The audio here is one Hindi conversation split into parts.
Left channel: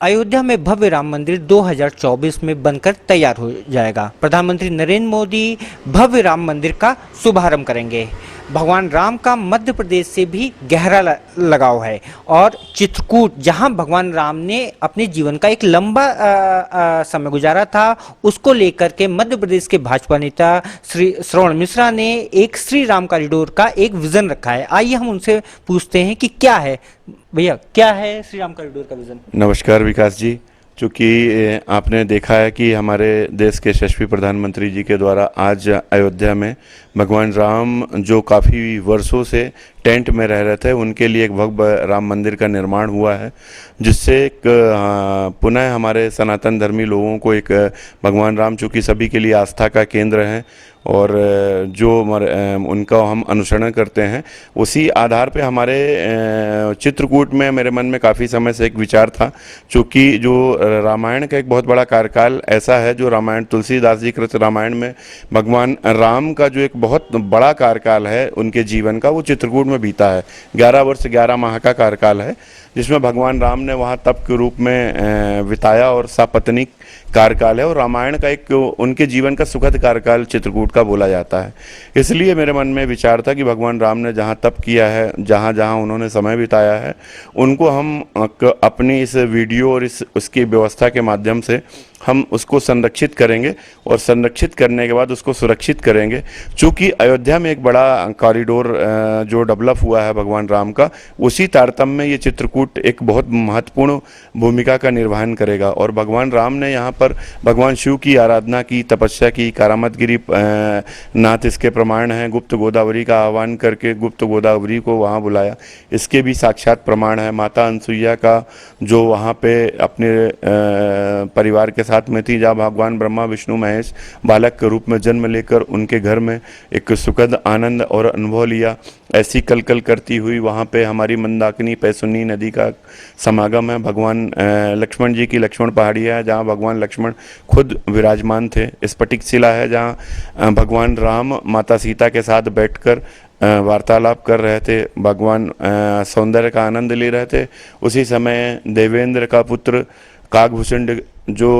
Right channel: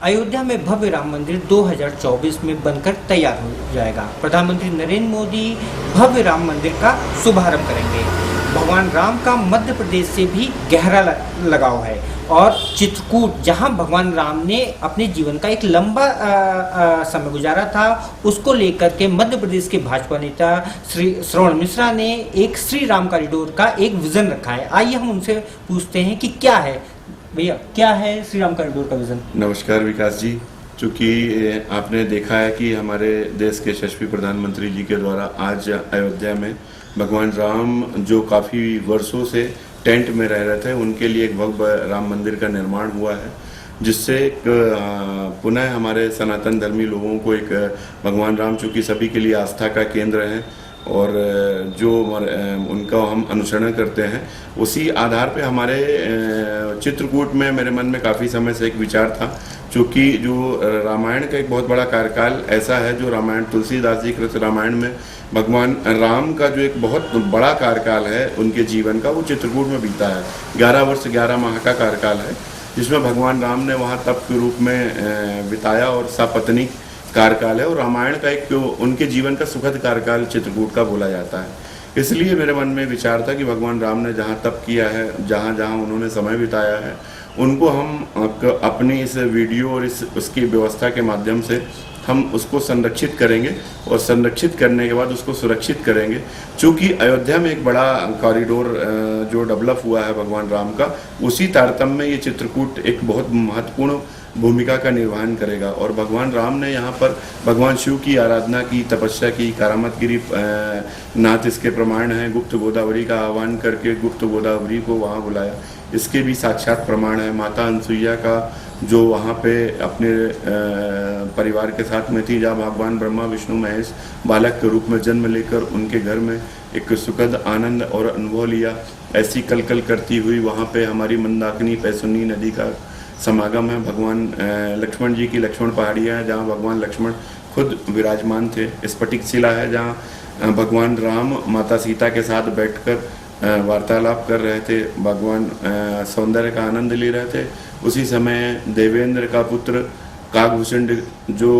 अयोध्या में भव्य राम मंदिर 2024 में बनकर तैयार हो जाएगा। प्रधानमंत्री नरेंद्र मोदी भव्य राम मंदिर का शुभारंभ करेंगे। भगवान राम का मध्य प्रदेश से भी गहरा लगाव है और चित्रकूट, जहां भगवान राम ने अपने जीवन का एक लंबा समय गुजारा था, उसको लेकर के मध्य प्रदेश के भाजपा नेता श्री श्रवण मिश्रा ने एक श्री राम कॉरिडोर का एक विजन रखा है। आइए हम उनसे पूछते हैं कि क्या है भैया, क्या है श्री राम कॉरिडोर का विजन। नमस्कार विकास जी। चूँकि आपने देखा है कि हमारे देश के यशस्वी प्रधानमंत्री जी के द्वारा आज अयोध्या में भगवान राम, जो काफ़ी वर्षों से टेंट में रह रहे थे, उनके लिए एक भव्य राम मंदिर का निर्माण हुआ है, जिससे पुनः हमारे सनातन धर्मी लोगों को एक भगवान राम, चूँकि सभी के लिए आस्था का केंद्र है और जो उनका हम अनुसरण करते हैं, उसी आधार पे हमारे चित्रकूट में मेरे मन में काफ़ी समय से एक विचार था। चूँकि जो रामायण का एक बहुत बड़ा कार्यकाल ऐसा है, जो रामायण तुलसीदास जी कृत रामायण में भगवान राम का जो एक बहुत बड़ा कार्यकाल है उनके जीवन का, वो चित्रकूट में बीता है। 11 वर्ष 11 माह का कार्यकाल है, जिसमें भगवान राम ने वहाँ तप के रूप में बिताया और सपत्नीक कार्यकाल है, और रामायण का एक उनके जीवन का सुखद कार्यकाल चित्रकूट का बोला जाता है। इसलिए मेरे मन में विचार था कि भगवान राम ने जहाँ तप किया है, जहाँ जहाँ उन्होंने समय बिताया है, उनको हम अपनी इस वीडियो और इस उसकी व्यवस्था के माध्यम से हम उसको संरक्षित करेंगे और संरक्षित करने के बाद उसको सुरक्षित करेंगे। चूँकि अयोध्या में एक बड़ा कॉरिडोर जो डेवलप हुआ है भगवान राम का, उसी तारतम्य में ये चित्रकूट एक बहुत महत्वपूर्ण भूमिका का निर्वहन करेगा। और भगवान राम ने यहाँ पर भगवान शिव की आराधना की, तपस्या की, करामतगिरी नाथ इसके प्रमाण हैं। गुप्त गोदावरी का आह्वान करके गुप्त गोदावरी को वहाँ बुलाया, इसके भी साक्षात प्रमाण है। माता अनसुईया का जो वहाँ पे अपने परिवार के साथ में थी, जहाँ भगवान ब्रह्मा विष्णु महेश बालक के रूप में जन्म लेकर उनके घर में एक सुखद आनंद और अनुभव लिया, ऐसी कलकल करती हुई वहाँ पे हमारी मंदाकिनी पैसुनी नदी का समागम है। भगवान लक्ष्मण जी की लक्ष्मण पहाड़ियाँ है, जहाँ भगवान लक्ष्मण खुद विराजमान थे। स्फटिक शिला है, जहाँ भगवान राम माता सीता के साथ बैठकर वार्तालाप कर रहे थे, भगवान सौंदर्य का आनंद ले रहे थे। उसी समय देवेंद्र का पुत्र काकभूषण जो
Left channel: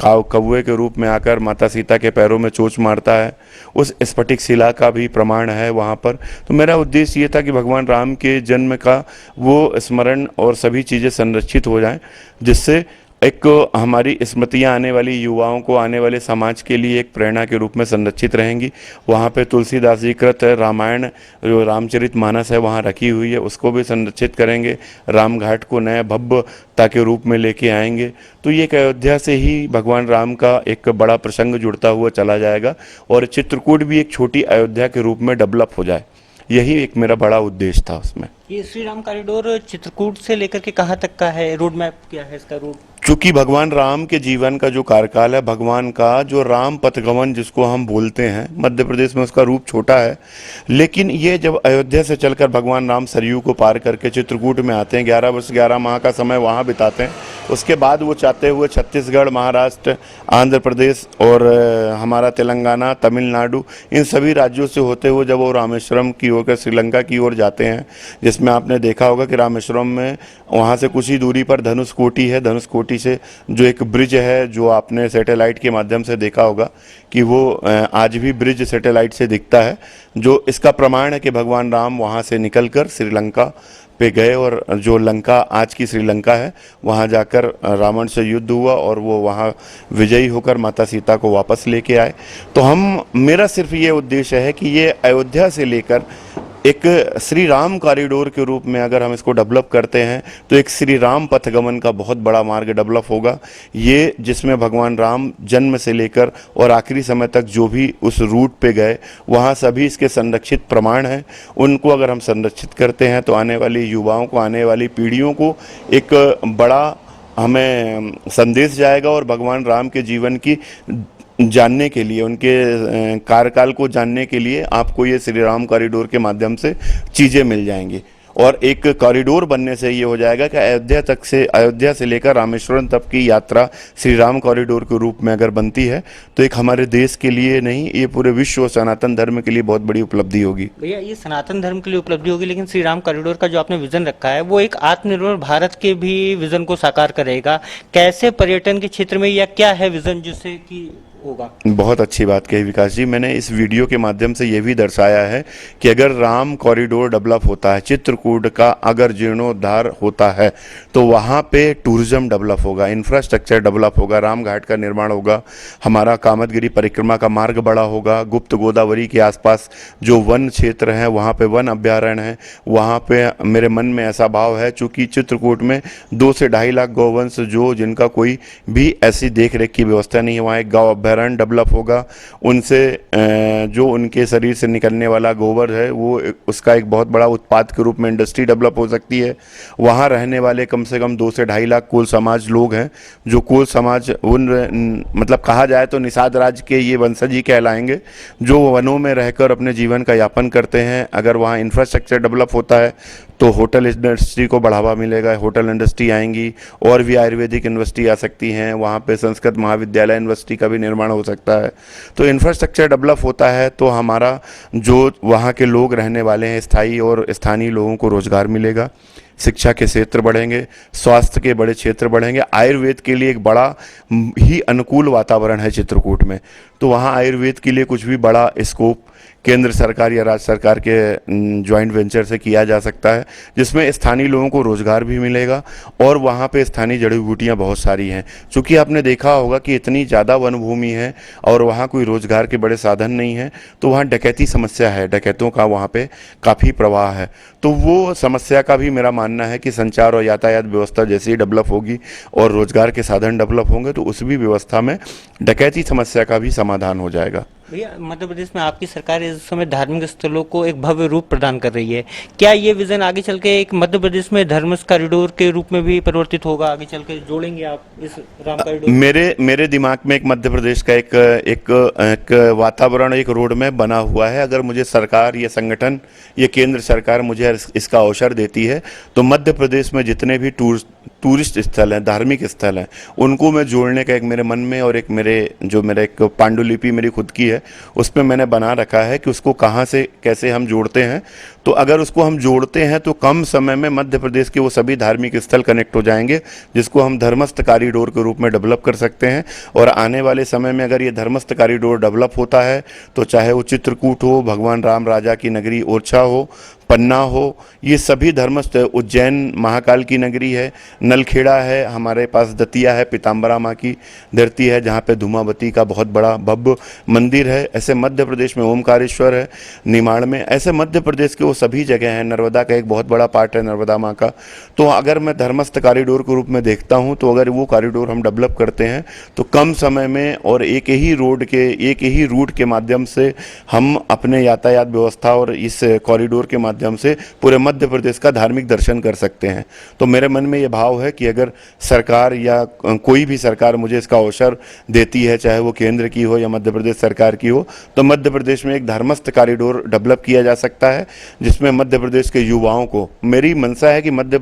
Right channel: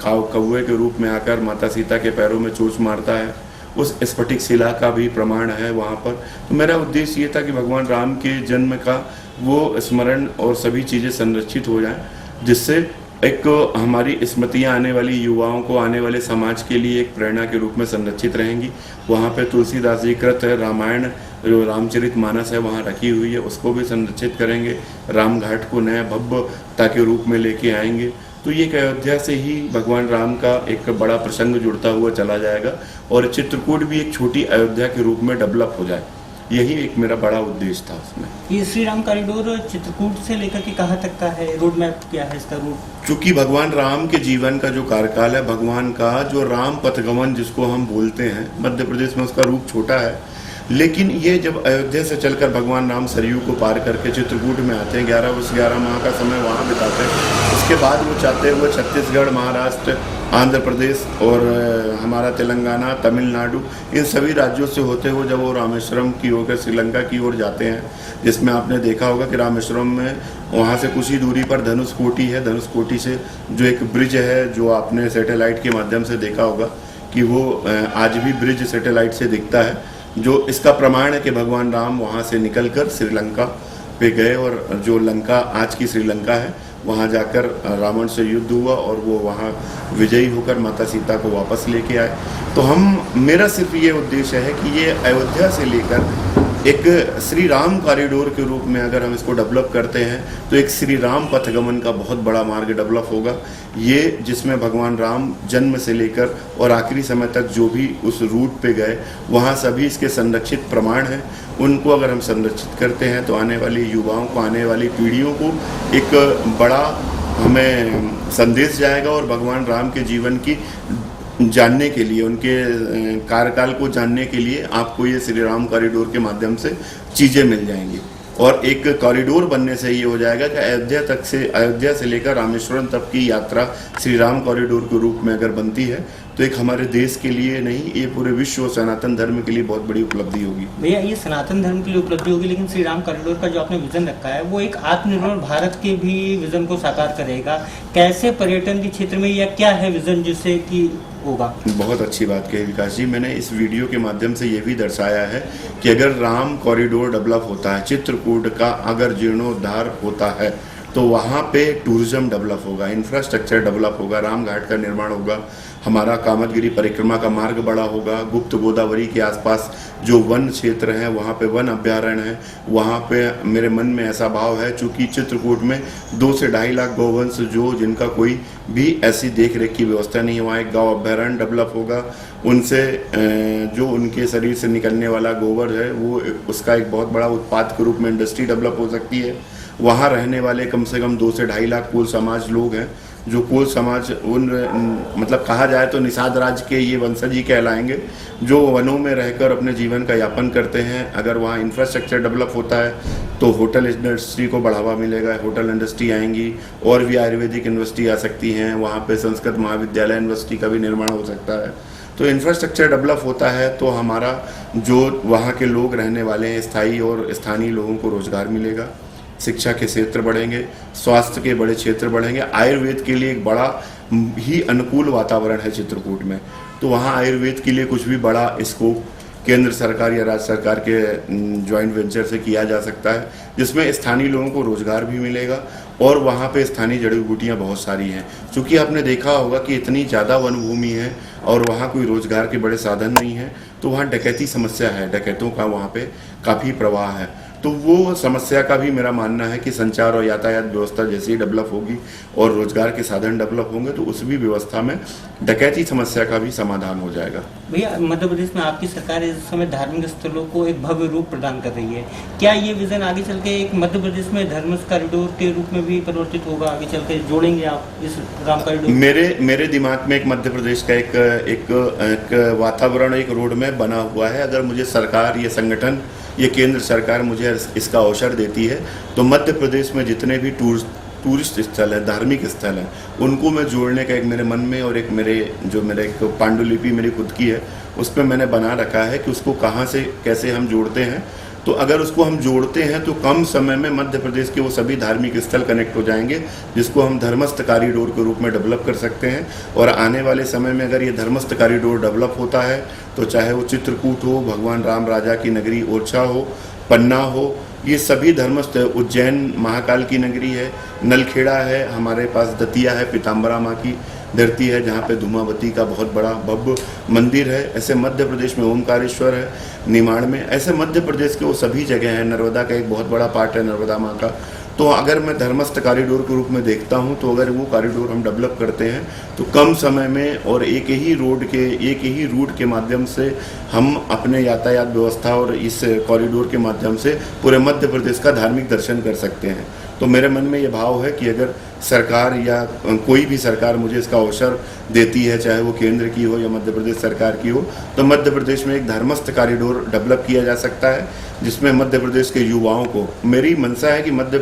कौवे के रूप में आकर माता सीता के पैरों में चोंच मारता है, उस स्फटिक शिला का भी प्रमाण है वहाँ पर। तो मेरा उद्देश्य ये था कि भगवान राम के जन्म का वो स्मरण और सभी चीज़ें संरक्षित हो जाएं, जिससे एक हमारी स्मृतियाँ आने वाली युवाओं को, आने वाले समाज के लिए एक प्रेरणा के रूप में संरक्षित रहेंगी। वहाँ पे तुलसीदास जी कृत रामायण जो रामचरितमानस है वहाँ रखी हुई है, उसको भी संरक्षित करेंगे। राम घाट को नए भव्यता के रूप में लेके आएंगे। तो ये एक अयोध्या से ही भगवान राम का एक बड़ा प्रसंग जुड़ता हुआ चला जाएगा और चित्रकूट भी एक छोटी अयोध्या के रूप में डेवलप हो जाए। यही एक मेरा बड़ा उद्देश्य था उसमें। ये श्री राम कॉरिडोर चित्रकूट से लेकर के कहाँ तक का है, रोड मैप क्या है इसका रूट? चूँकि भगवान राम के जीवन का जो कार्यकाल है, भगवान का जो राम पथगमन जिसको हम बोलते हैं, मध्य प्रदेश में उसका रूप छोटा है, लेकिन ये जब अयोध्या से चलकर भगवान राम सरयू को पार करके चित्रकूट में आते हैं, 11 वर्ष 11 माह का समय वहाँ बिताते हैं। उसके बाद वो चाहते हुए छत्तीसगढ़, महाराष्ट्र, आंध्र प्रदेश और हमारा तेलंगाना, तमिलनाडु, इन सभी राज्यों से होते हुए जब वो रामेश्वरम की होकर श्रीलंका की ओर जाते हैं, जिसमें आपने देखा होगा कि रामेश्वरम में वहाँ से कुछ ही दूरी पर धनुषकोटी है। धनुषकोटी से जो एक ब्रिज है, जो आपने सैटेलाइट के माध्यम से देखा होगा कि वो आज भी ब्रिज सैटेलाइट से दिखता है, जो इसका प्रमाण है कि भगवान राम वहाँ से निकलकर श्रीलंका पे गए और जो लंका आज की श्रीलंका है, वहाँ जाकर रावण से युद्ध हुआ और वो वहाँ विजयी होकर माता सीता को वापस लेके आए। तो मेरा सिर्फ ये उद्देश्य है कि ये अयोध्या से लेकर एक श्री राम कॉरिडोर के रूप में अगर हम इसको डेवलप करते हैं, तो एक श्री राम पथगमन का बहुत बड़ा मार्ग डेवलप होगा। ये जिसमें भगवान राम जन्म से लेकर और आखिरी समय तक जो भी उस रूट पे गए, वहाँ सभी इसके संरक्षित प्रमाण हैं। उनको अगर हम संरक्षित करते हैं तो आने वाली युवाओं को, आने वाली पीढ़ियों को एक बड़ा हमें संदेश जाएगा और भगवान राम के जीवन की जानने के लिए, उनके कार्यकाल को जानने के लिए आपको ये श्री राम कॉरिडोर के माध्यम से चीज़ें मिल जाएंगी। और एक कॉरिडोर बनने से ये हो जाएगा कि अयोध्या से लेकर रामेश्वरम तक की यात्रा श्री राम कॉरिडोर के रूप में अगर बनती है तो एक हमारे देश के लिए नहीं, ये पूरे विश्व और सनातन धर्म के लिए बहुत बड़ी उपलब्धि होगी। भैया ये सनातन धर्म के लिए उपलब्धि होगी, लेकिन श्री राम कॉरिडोर का जो आपने विजन रखा है वो एक आत्मनिर्भर भारत के भी विजन को साकार करेगा। कैसे पर्यटन के क्षेत्र में या क्या है विजन जिससे कि होगा? बहुत अच्छी बात कही विकास जी। मैंने इस वीडियो के माध्यम से ये भी दर्शाया है कि अगर राम कॉरिडोर डेवलप होता है, चित्रकूट का अगर जीर्णोद्धार होता है तो वहाँ पे टूरिज्म डेवलप होगा, इंफ्रास्ट्रक्चर डेवलप होगा, राम घाट का निर्माण होगा, हमारा कामतगिरी परिक्रमा का मार्ग बड़ा होगा, गुप्त गोदावरी के आसपास जो वन क्षेत्र हैं वहाँ पे वन अभ्यारण्य है, वहाँ पे मेरे मन में ऐसा भाव है चूँकि चित्रकूट में 2 से 2.5 लाख गौवंश जो जिनका कोई भी ऐसी देख रेख की व्यवस्था नहीं है, वहाँ एक गौ अभ्यारण्य डेवलप होगा। उनसे जो उनके शरीर से निकलने वाला गोबर है वो उसका एक बहुत बड़ा उत्पाद के रूप में इंडस्ट्री डेवलप हो सकती है। वहाँ रहने वाले कम से कम 2 से 2.5 लाख कोल समाज लोग हैं, जो कोल समाज मतलब कहा जाए तो निषाद राज के ये वंशज ही कहलाएंगे, जो वनों में रहकर अपने जीवन का यापन करते हैं। अगर वहाँ इंफ्रास्ट्रक्चर डेवलप होता है तो होटल इंडस्ट्री को बढ़ावा मिलेगा, होटल इंडस्ट्री आएंगी और भी आयुर्वेदिक यूनिवर्सिटी आ सकती हैं, वहाँ पे संस्कृत महाविद्यालय यूनिवर्सिटी का भी निर्माण हो सकता है। तो इंफ्रास्ट्रक्चर डेवलप होता है तो हमारा जो वहाँ के लोग रहने वाले हैं स्थायी और स्थानीय लोगों को रोजगार मिलेगा, शिक्षा के क्षेत्र बढ़ेंगे, स्वास्थ्य के बड़े क्षेत्र बढ़ेंगे, आयुर्वेद के लिए एक बड़ा ही अनुकूल वातावरण है चित्रकूट में। तो वहाँ आयुर्वेद के लिए कुछ भी बड़ा स्कोप केंद्र सरकार या राज्य सरकार के जॉइंट वेंचर से किया जा सकता है, जिसमें स्थानीय लोगों को रोजगार भी मिलेगा और वहाँ पे स्थानीय जड़ी बूटियाँ बहुत सारी हैं। चूँकि आपने देखा होगा कि इतनी ज़्यादा वन भूमि है और वहाँ कोई रोजगार के बड़े साधन नहीं है, तो वहाँ डकैती समस्या है, डकैतों का वहाँ पे काफ़ी प्रवाह है। तो वो समस्या का भी मेरा मानना है कि संचार और यातायात व्यवस्था जैसे ही डेवलप होगी और रोजगार के साधन डेवलप होंगे तो उस भी व्यवस्था में डकैती समस्या का भी समाधान हो जाएगा। भैया मध्य प्रदेश में आपकी सरकार इस समय धार्मिक स्थलों को एक भव्य रूप प्रदान कर रही है, क्या ये विजन आगे चल के एक मध्य प्रदेश में धर्म कॉरिडोर के रूप में भी परिवर्तित होगा? आगे चल के जोड़ेंगे आप इस राम कॉरिडोर? मेरे दिमाग में एक मध्य प्रदेश का एक वातावरण, एक रोड मैप बना हुआ है। अगर मुझे सरकार या संगठन ये केंद्र सरकार मुझे इसका अवसर देती है तो मध्य प्रदेश में जितने भी टूरिस्ट स्थल हैं, धार्मिक स्थल हैं, उनको मैं जोड़ने का एक मेरे मन में और एक मेरा एक पांडुलिपि मेरी खुद की है, उस पर मैंने बना रखा है कि उसको कहाँ से कैसे हम जोड़ते हैं। तो अगर उसको हम जोड़ते हैं तो कम समय में मध्य प्रदेश के वो सभी धार्मिक स्थल कनेक्ट हो जाएंगे, जिसको हम धर्मस्थ कॉरिडोर के रूप में डेवलप कर सकते हैं। और आने वाले समय में अगर ये धर्मस्थ कॉरिडोर डेवलप होता है तो चाहे वो चित्रकूट हो, भगवान राम राजा की नगरी ओरछा हो, पन्ना हो, ये सभी धर्मस्थ, उज्जैन महाकाल की नगरी है, नलखेड़ा है, हमारे पास दतिया है, पीताम्बरा माँ की धरती है जहाँ पे धूमावती का बहुत बड़ा भव्य मंदिर है। ऐसे मध्य प्रदेश में ओमकारेश्वर है, निमाड़ में, ऐसे मध्य प्रदेश के वो सभी जगह हैं। नर्मदा का एक बहुत बड़ा पार्ट है नर्मदा माँ का। तो अगर मैं धर्मस्थ कॉरिडोर के रूप में देखता हूँ तो अगर वो कॉरिडोर हम डेवलप करते हैं तो कम समय में और एक ही रूट के माध्यम से हम अपने यातायात व्यवस्था और इस कॉरिडोर के माध्यम से पूरे मध्य प्रदेश का धार्मिक दर्शन कर सकते हैं। तो मेरे मन में ये भाव है कि अगर सरकार या कोई भी सरकार मुझे इसका अवसर देती है, चाहे वो केंद्र की हो या मध्य प्रदेश सरकार की हो, तो मध्य प्रदेश में एक धर्मस्थ कॉरिडोर डेवलप किया जा सकता है, जिसमें मध्य प्रदेश के युवाओं को, मेरी मंशा है कि मध्य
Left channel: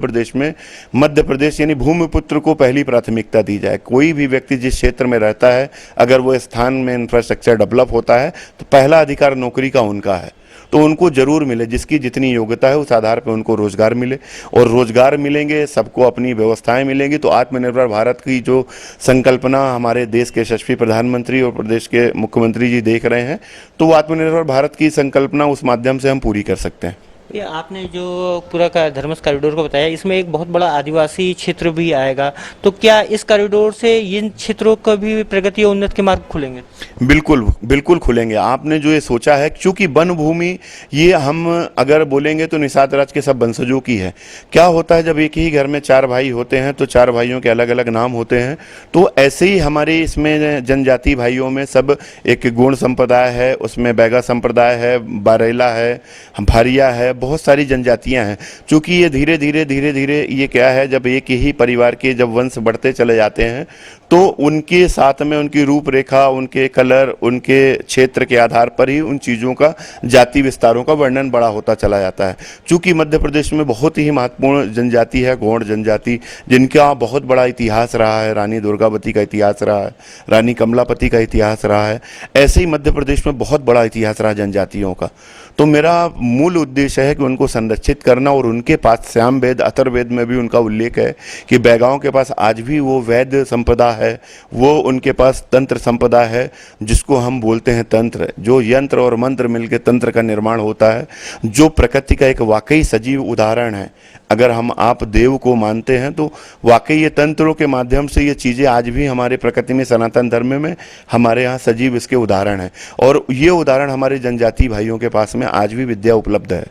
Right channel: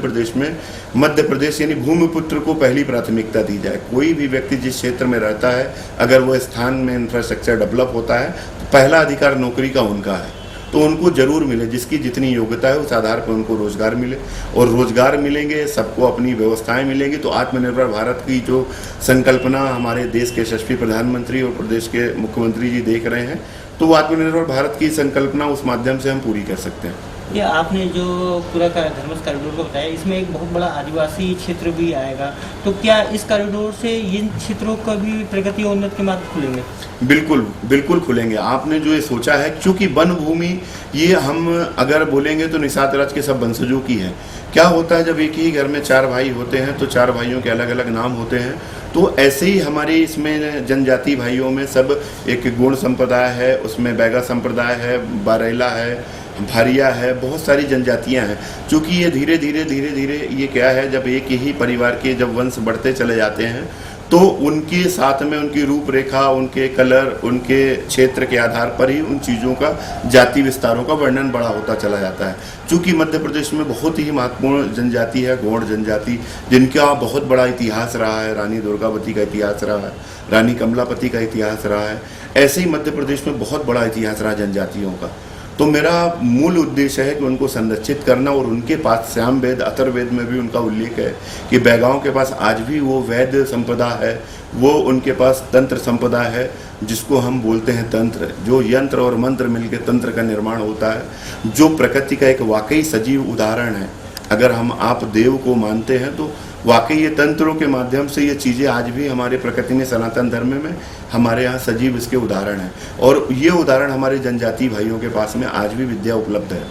प्रदेश यानी भूमिपुत्र को पहली प्राथमिकता दी जाए। कोई भी व्यक्ति जिस क्षेत्र में रहता है, अगर वो स्थान में इंफ्रास्ट्रक्चर डेवलप होता है तो पहला अधिकार नौकरी का उनका है, तो उनको जरूर मिले, जिसकी जितनी योग्यता है उस आधार पर उनको रोजगार मिले। और रोजगार मिलेंगे, सबको अपनी व्यवस्थाएं मिलेंगी, तो आत्मनिर्भर भारत की जो संकल्पना हमारे देश के यशस्वी प्रधानमंत्री और प्रदेश के मुख्यमंत्री जी देख रहे हैं, तो आत्मनिर्भर भारत की संकल्पना उस माध्यम से हम पूरी कर सकते हैं। ये आपने जो पूरा का धर्मस्थ कॉरिडोर को बताया, इसमें एक बहुत बड़ा आदिवासी क्षेत्र भी आएगा, तो क्या इस कॉरिडोर से इन क्षेत्रों का भी प्रगति और उन्नति के मार्ग खुलेंगे? बिल्कुल खुलेंगे। आपने जो ये सोचा है, क्योंकि वन भूमि ये हम अगर बोलेंगे तो निषाद राज के सब वंशजों की है। क्या होता है जब एक ही घर में 4 भाई होते हैं तो 4 भाइयों के अलग अलग नाम होते हैं, तो ऐसे ही हमारे इसमें जनजाति भाइयों में सब एक गुण संप्रदाय है, उसमें बैगा संप्रदाय है, बारेला है, भारिया है, बहुत सारी जनजातियां हैं। क्योंकि ये धीरे धीरे ये क्या है, जब एक ही परिवार के जब वंश बढ़ते चले जाते हैं तो उनके साथ में उनकी रूपरेखा, उनके कलर, उनके क्षेत्र के आधार पर ही उन चीज़ों का, जाति विस्तारों का वर्णन बड़ा होता चला जाता है। चूँकि मध्य प्रदेश में बहुत ही महत्वपूर्ण जनजाति है गौड़ जनजाति, जिनका बहुत बड़ा इतिहास रहा है। रानी दुर्गावती का इतिहास रहा है, रानी कमलापति का इतिहास रहा है। ऐसे ही मध्य प्रदेश में बहुत बड़ा इतिहास रहा जनजातियों का। तो मेरा मूल उद्देश्य है कि उनको संरक्षित करना, और उनके पास श्याम वेद, अथर्ववेद में भी उनका उल्लेख है कि बैगाओं के पास आज भी वो वैद्य संपदा है, वो उनके पास तंत्र संपदा है, जिसको हम बोलते हैं तंत्र, जो यंत्र और मंत्र मिलकर तंत्र का निर्माण होता है, जो प्रकृति का एक वाकई सजीव उदाहरण है। अगर हम आप देव को मानते हैं तो वाकई ये तंत्रों के माध्यम से ये चीज़ें आज भी हमारे प्रकृति में, सनातन धर्म में हमारे यहाँ सजीव इसके उदाहरण हैं, और ये उदाहरण हमारे जनजाति भाइयों के पास में आज भी विद्या उपलब्ध है।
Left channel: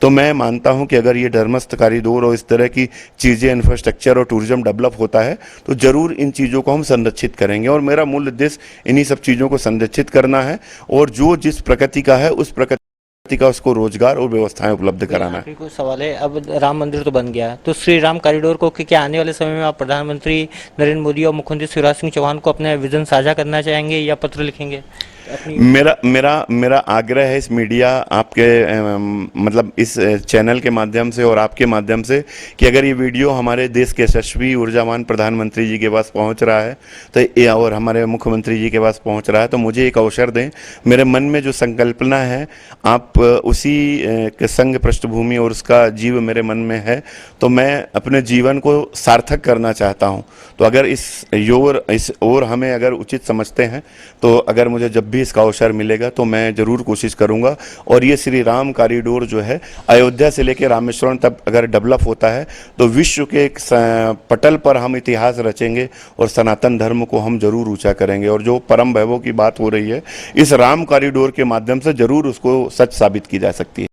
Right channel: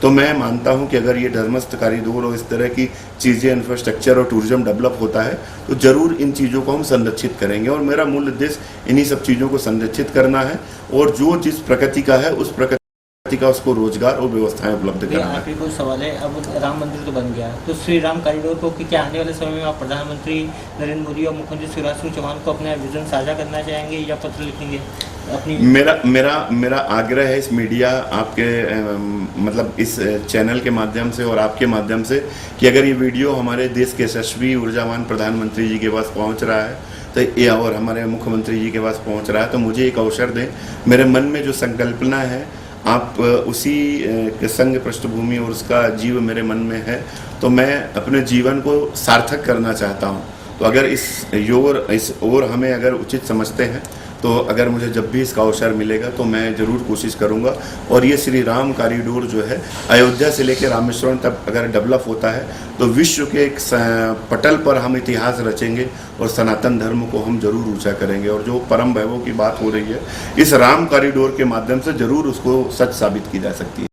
तो मैं मानता हूँ कि अगर ये धर्मस्थ कॉरिडोर और इस तरह की चीज़ें, इंफ्रास्ट्रक्चर और टूरिज्म डेवलप होता है तो ज़रूर इन चीज़ों को हम संरक्षित करेंगे, और मेरा मूल उद्देश्य इन्हीं सब चीज़ों को संरक्षित करना है, और जो जिस प्रकृति का है उस प्रकृति का उसको रोजगार और व्यवस्थाएं उपलब्ध कराना है। कुछ सवाल है, अब राम मंदिर तो बन गया, तो श्री राम कॉरिडोर को क्या आने वाले समय में आप प्रधानमंत्री नरेंद्र मोदी और मुख्यमंत्री शिवराज सिंह चौहान को अपने विजन साझा करना चाहेंगे या पत्र लिखेंगे? मेरा आग्रह है इस मीडिया, आपके मतलब इस चैनल के माध्यम से और आपके माध्यम से, कि अगर ये वीडियो हमारे देश के यशस्वी ऊर्जावान प्रधानमंत्री जी के पास पहुंच रहा है तो ये, और हमारे मुख्यमंत्री जी के पास पहुंच रहा है, तो मुझे एक अवसर दें। मेरे मन में जो संकल्पना है, आप उसी के संग पृष्ठभूमि और उसका जीव मेरे मन में है, तो मैं अपने जीवन को सार्थक करना चाहता हूं। तो अगर इस ओर हमें अगर उचित समझते हैं, तो अगर मुझे जब भी इसका अवसर मिलेगा तो मैं ज़रूर कोशिश करूंगा। और ये श्री राम कॉरिडोर जो है अयोध्या से लेकर रामेश्वरम तक अगर डेवलप होता है तो विश्व के एक पटल पर हम इतिहास रचेंगे और सनातन धर्म को हम जरूर ऊंचा करेंगे। और जो परम वैभव की बात हो रही है, इस राम कॉरिडोर के माध्यम से जरूर उसको सच साबित की जा सकती है।